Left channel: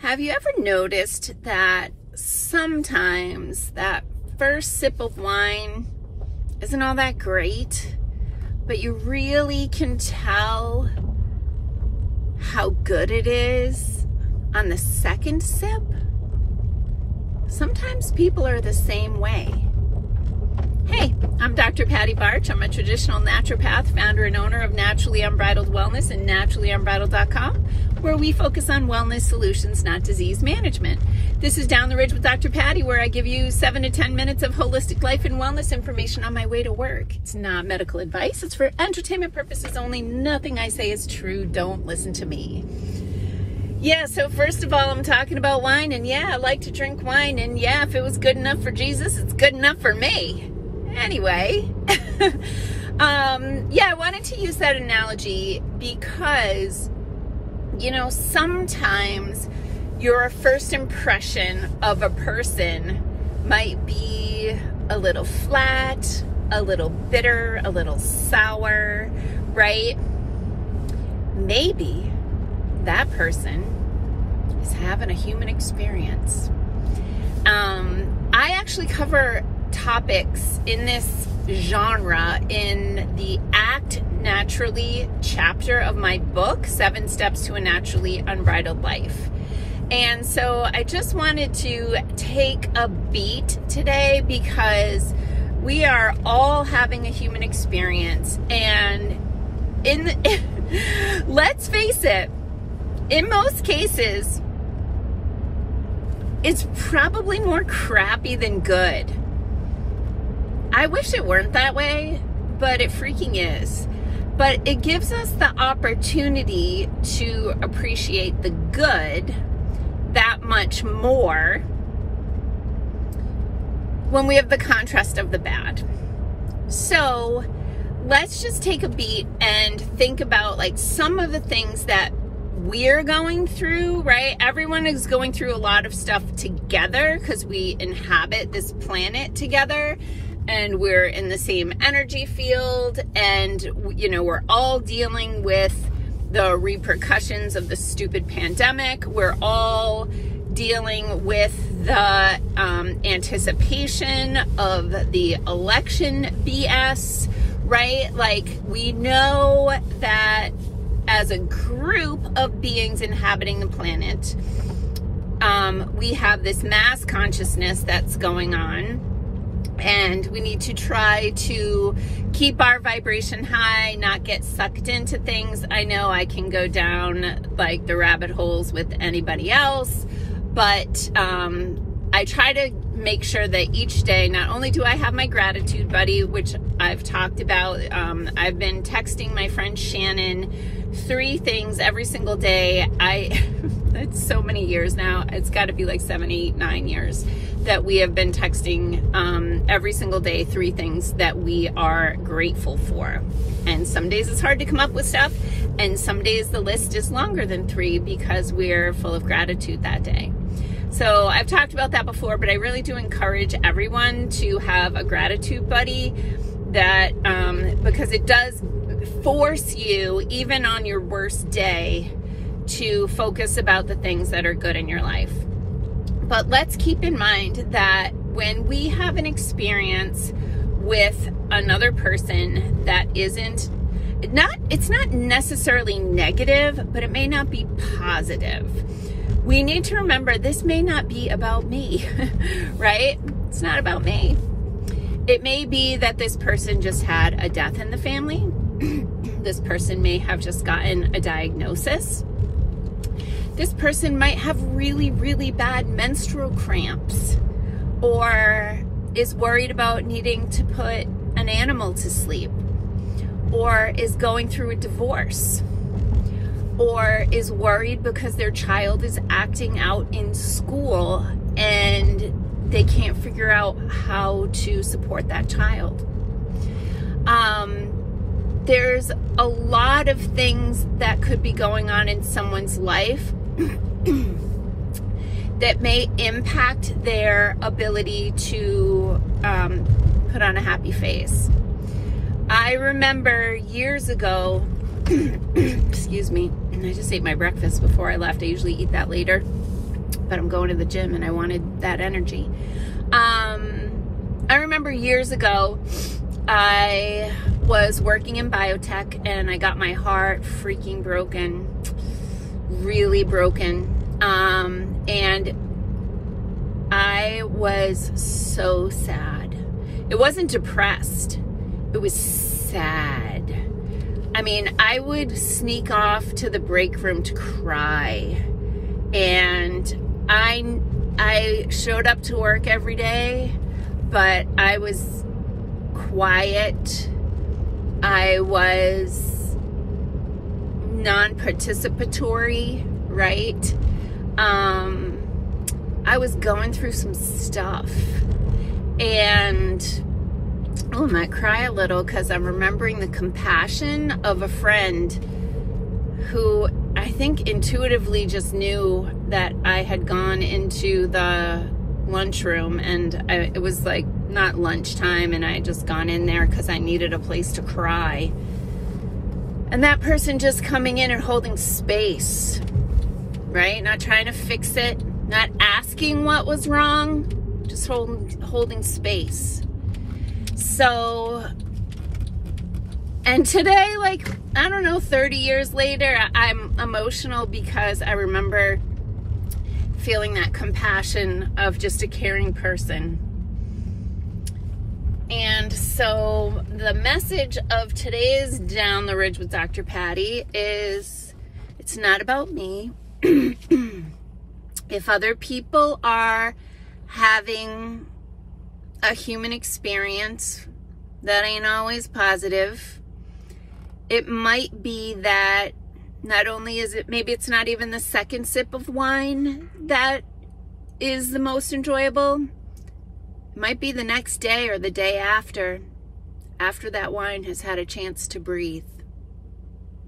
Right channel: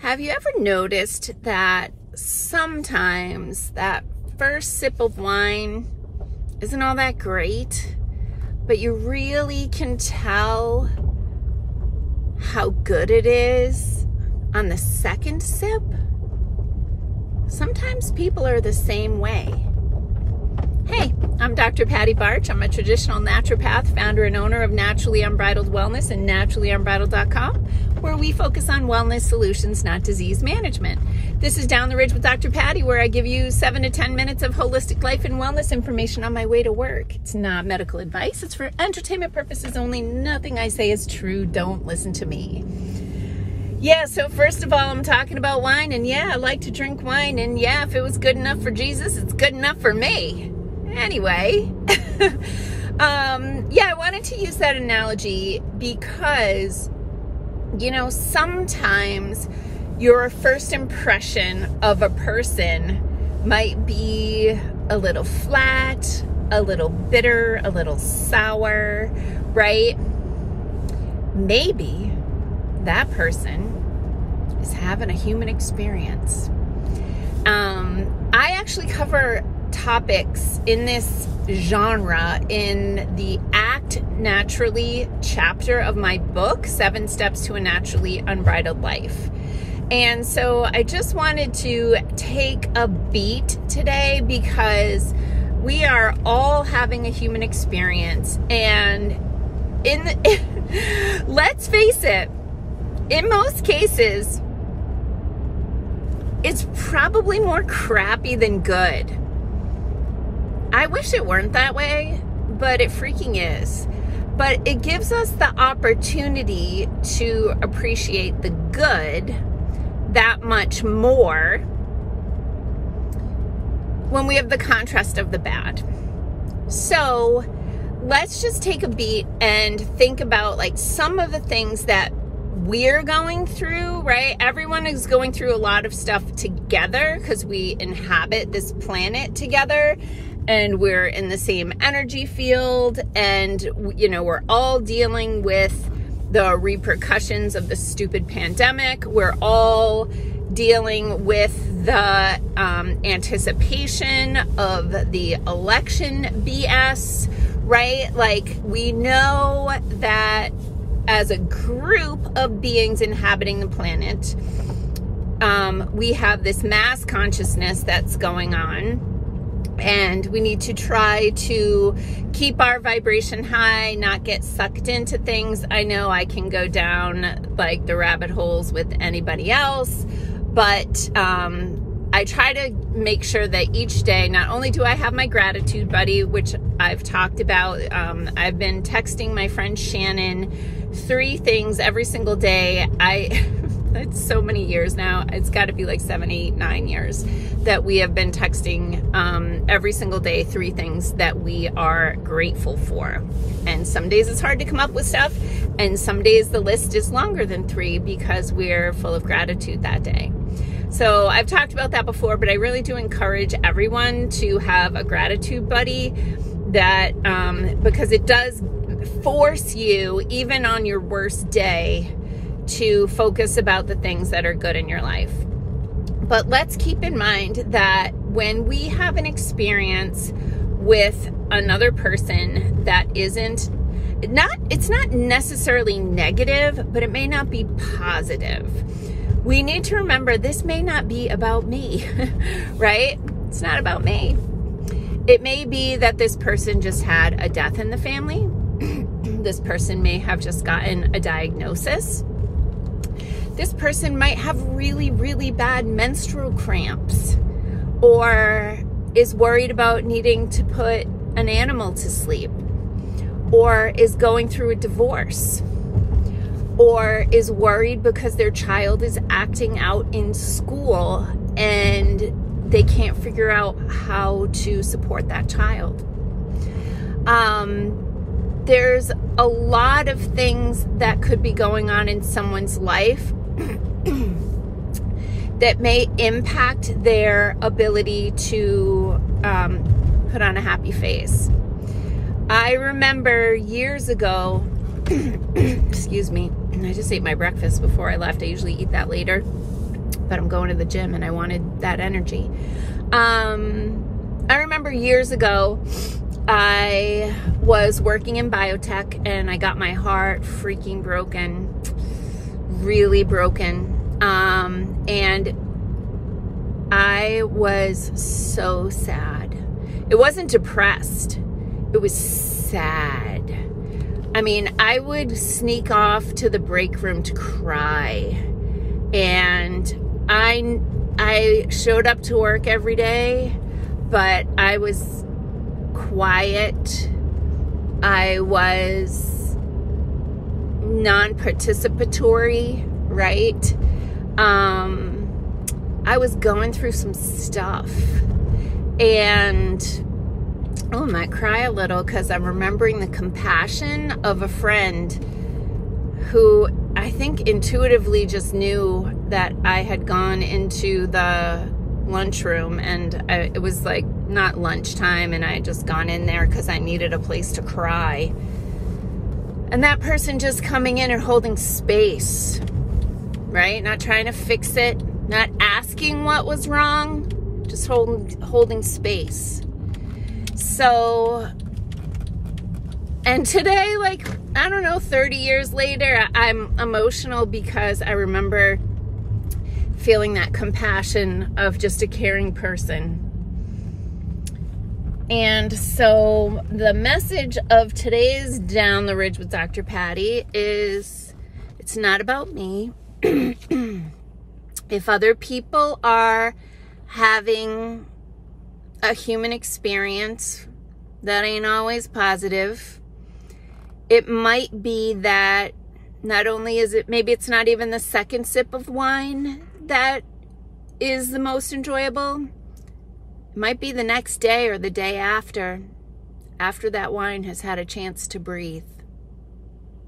Have you ever noticed that sometimes that first sip of wine isn't all that great, but you really can tell how good it is on the second sip? Sometimes people are the same way. Hey, I'm Dr. Patty Barch. I'm a traditional naturopath, founder and owner of Naturally Unbridled Wellness and naturallyunbridled.com, where we focus on wellness solutions, not disease management. This is Down the Ridge with Dr. Patty, where I give you 7 to 10 minutes of holistic life and wellness information on my way to work. It's not medical advice. It's for entertainment purposes only. Nothing I say is true. Don't listen to me. Yeah, so first of all, I'm talking about wine, and yeah, I like to drink wine, and yeah, if it was good enough for Jesus, it's good enough for me. Anyway, yeah, I wanted to use that analogy because, you know, sometimes your first impression of a person might be a little flat, a little bitter, a little sour, right? Maybe that person is having a human experience. I actually cover topics in this genre in the Act Naturally chapter of my book, 7 Steps to a Naturally Unbridled Life. And so I just wanted to take a beat today because we are all having a human experience. And let's face it, in most cases, it's probably more crappy than good. I wish it weren't that way, but it freaking is. But it gives us the opportunity to appreciate the good that much more when we have the contrast of the bad. So let's just take a beat and think about like some of the things that we're going through, right? Everyone is going through a lot of stuff together because we inhabit this planet together. And we're in the same energy field, and, you know, we're all dealing with the repercussions of the stupid pandemic. We're all dealing with the anticipation of the election BS, right? Like, we know that as a group of beings inhabiting the planet, we have this mass consciousness that's going on. And we need to try to keep our vibration high, not get sucked into things. I know I can go down like the rabbit holes with anybody else, but I try to make sure that each day, not only do I have my gratitude buddy, which I've talked about, I've been texting my friend Shannon 3 things every single day. It's so many years now. It's got to be like 7, 8, 9 years that we have been texting every single day 3 things that we are grateful for. And some days it's hard to come up with stuff, and some days the list is longer than 3 because we're full of gratitude that day. So I've talked about that before, but I really do encourage everyone to have a gratitude buddy that because it does force you, even on your worst day, to focus about the things that are good in your life. But let's keep in mind that when we have an experience with another person that it's not necessarily negative, but it may not be positive. We need to remember this may not be about me, right? It's not about me. It may be that this person just had a death in the family. This person may have just gotten a diagnosis. This person might have really, really bad menstrual cramps, or is worried about needing to put an animal to sleep, or is going through a divorce, or is worried because their child is acting out in school and they can't figure out how to support that child. There's a lot of things that could be going on in someone's life that may impact their ability to put on a happy face. I remember years ago, excuse me, I just ate my breakfast before I left. I usually eat that later. but I'm going to the gym and I wanted that energy. I remember years ago, I was working in biotech and I got my heart freaking broken, really broken. And I was so sad. It wasn't depressed. It was sad. I mean, I would sneak off to the break room to cry. And I showed up to work every day, but I was quiet. I was non-participatory, right? I was going through some stuff. And I might cry a little because I'm remembering the compassion of a friend who I think intuitively just knew that I had gone into the lunchroom, and it was like not lunchtime, and I had just gone in there because I needed a place to cry. And that person just coming in and holding space, right? Not trying to fix it, not asking what was wrong, just holding space. So, and today, like, I don't know, 30 years later, I'm emotional because I remember feeling that compassion of just a caring person. And so the message of today's Down the Ridge with Dr. Patty is, it's not about me. If other people are having a human experience that ain't always positive, it might be that not only is it, maybe it's not even the second sip of wine that is the most enjoyable. It might be the next day or the day after that wine has had a chance to breathe.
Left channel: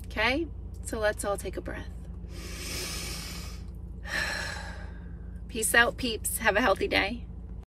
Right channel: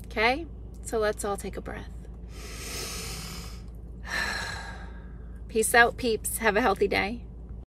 Okay? So let's all take a breath. Peace out, peeps. Have a healthy day.